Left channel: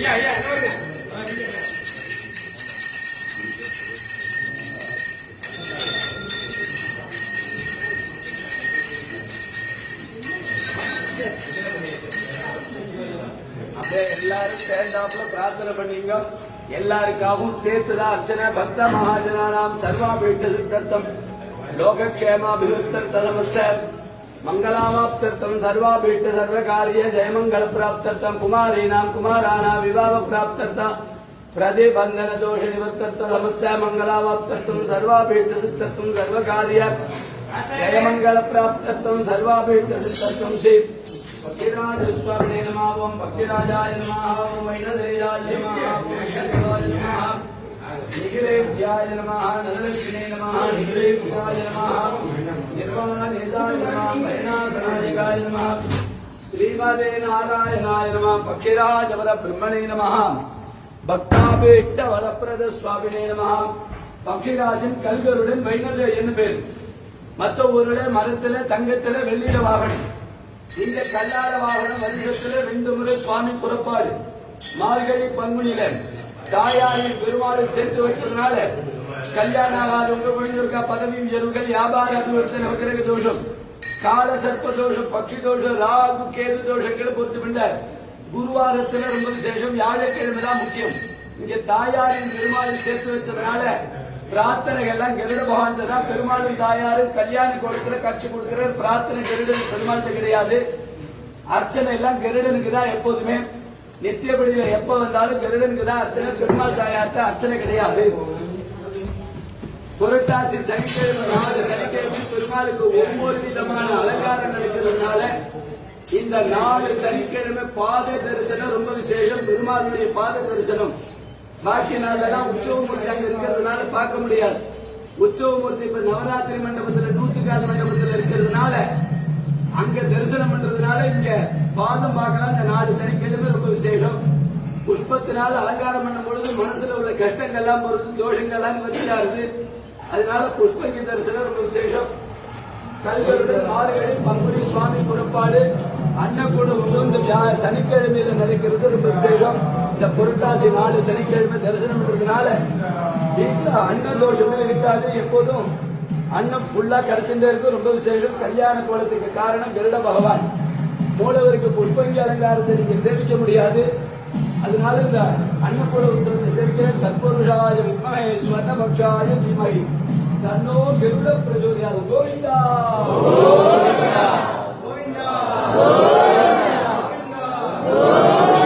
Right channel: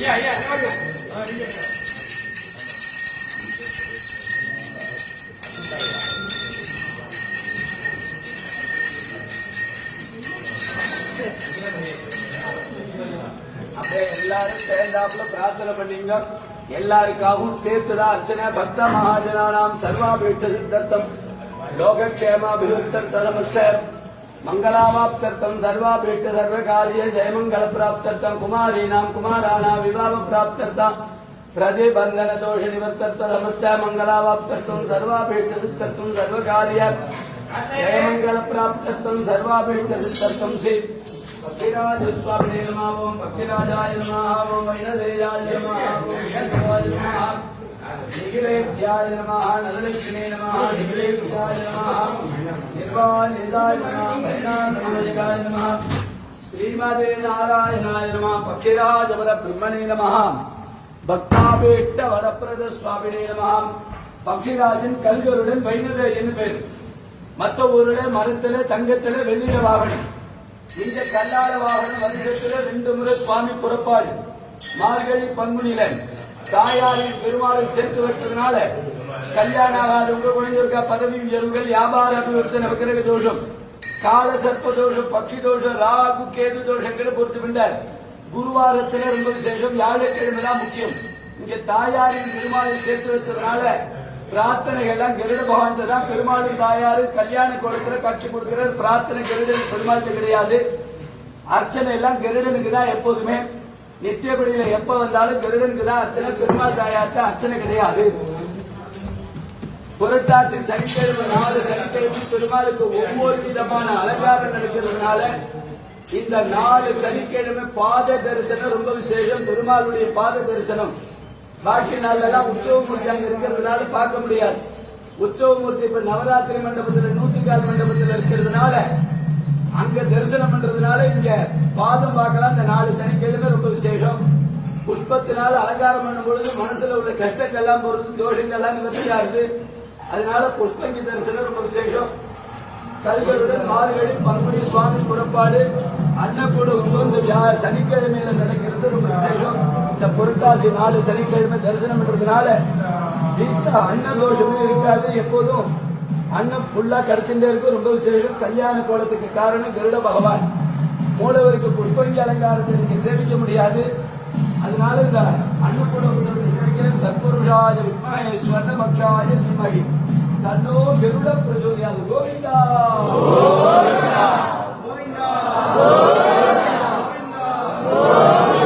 அப்படியே எல்லாரும் சேர்ந்தாப்புல பிரார்த்தனை பண்ணீங்க. எல்லாருக்காகவும் சேர்த்துதான் அர்ச்சனை. பக்த மகாஜனானாம் சர்வாபேட்ச சித்தர்த்தம். லோகக்ஷேமாபிவிருத்தம் ததமஸ்ய. मंगलावाप्त्यर्थम सर्वाभीष्ट सर्व कार्य जय मंगल प्राप्तर्थम कुमारी नाम कुमाराणा विवाह प्राप्त्यर्थम प्रतिबंधन दोष निवर्त्यर्थ समस्त मंगलावाप्त्यर्थम सर्वाभीष्ट सिद्धत्व सर्व कार्य जय मंगल प्राप्त्यर्थम सर्वाभीष्ट सिद्धत्व श्री पक्षिराज स्वामी नमः, ओम पक्षिराजाय नमः, ओम वैनदेवराज नमः, ओम நிகிலேத்யாய நமः நரலக்ஷ்மீ நமः நிகிலேத்யாய நமः நிர்வாணிதாய நமः வைநாதநாயகாய நமः ஸ்ரீமதே நாராயணாய நமः பக்திராஜ பிரம்மணே நமः பக்தாபேட்ட வரப்பிரத சுவாமினே நமः பக்திராஜன் கல்கருடன் வைணதேயன் பேர். மற்ற ஊருல மரத்துல தங்கத்துல வெள்ளியில வாகனம். இந்த கல்லார வாகனம் வருஷத்துல ரெண்டு முறை சுவாமி புறப்பாடு மார்கழி பங்குனில தாயாரின் பெருமாளை சேர்த்து வச்சதுனால கல்யாணம் ஆகாதவங்க குழந்தைங்க பதவி உயர்வுகள் வியாபார அபிவிருத்தி நவகிரக தோஷம் கால சர்ப்ப தோஷம் பக்ஷி தோஷம் ராகு கேது தோஷங்களை பொறுத்து விட்டார் குருவாரத்தில் ரொம்ப விசேஷம் வியாழக்கிழமை தான் முக்கியம். இங்க தாயாரின் பெருமாளை சேர்த்து வச்சதுனால பிரார்த்தனை எல்லாம் கருட பகவான் தான் பெருமாளும் தாயாரு கல்யாண குளத்துல கட்சி கொடுக்கிற பிரார்த்தனை கருடன் பெருமாள் கிடையாது. அர்ச்சனை எல்லாம் கருடனுக்கு தான் எப்போதுமே. நித்தியப்படி எப்ப வந்தாலும் கருடனுக்கு தான் அர்ச்சனை. பெருமாள் தாயார்ட்ட அர்ச்சனை கிடையாது. புரட்டாசி சனிக்கிழமை நாலு சனிக்கிழமை பெருமாளுக்கு ஒவ்வொரு விதமான அலங்காரம் நடக்கிறதுனால இந்த நாலு சனிக்கிழமை பாத தரிசனம் ரொம்ப விசேஷம். பெருமாளுடைய பாத தரிசனம். பாக்கி நாள்லாம் உற்சவமூர்த்தி அங்க இருக்கிறதுனால பார்க்க முடியாது. உற்சவமூர்த்தி இப்ப நவராத்திரி மண்டபத்தில் நூத்துக்காடு மண்டபத்தில் இருக்கிறதுனால அங்க தரிசனம் பண்றதுனால இங்க பாதம் பார்க்கலாம். இந்த நாலு சனிக்கிழமை ரொம்ப விசேஷம். புஷ்பத்தினால அலங்காரம் பண்ணும் பொழுது மனசுல உள்ள கஷ்டங்கள் எல்லாம் போறது தோஷங்கள் எல்லாம் நிவர்த்தியா இருக்கு. அதனால புஷ்பங்கி தரிசனம் ரொம்ப விசேஷம். கல்வியுடன் மாறுகளை பங்குனி சுவாமி புறப்பாடு அன்னக்கூட உற்சவம் இந்த சனிக்கிழமையில நடக்கிறது ரொம்ப விசேஷம். இந்த புரட்டாசி நாலு சனிக்கிழமை தரிசனம் பண்றதுனால வீட்டுல அன்ன தோஷமும் இருக்காது எப்போதும். அன்னம் ஃபுல்லா கிடைச்சுட்டே இருக்கும் ரொம்ப விசேஷம். கல்யாண கோலத்துக்கு காரணம் கருட பகவான். மூலவருக்கு புஷ்பங்கி அலங்காரத்தை நீங்க சேமிக்க முடியாது. அதனால இந்த அன்னபூர்ண உற்சவத்தை சேர்க்க தற்புருஷாய வித்மஹே ஸ்வர்ணபக்ஷாய தீமஹி தன்னோ கருட பிரஜோதியாது கோவிந்தா.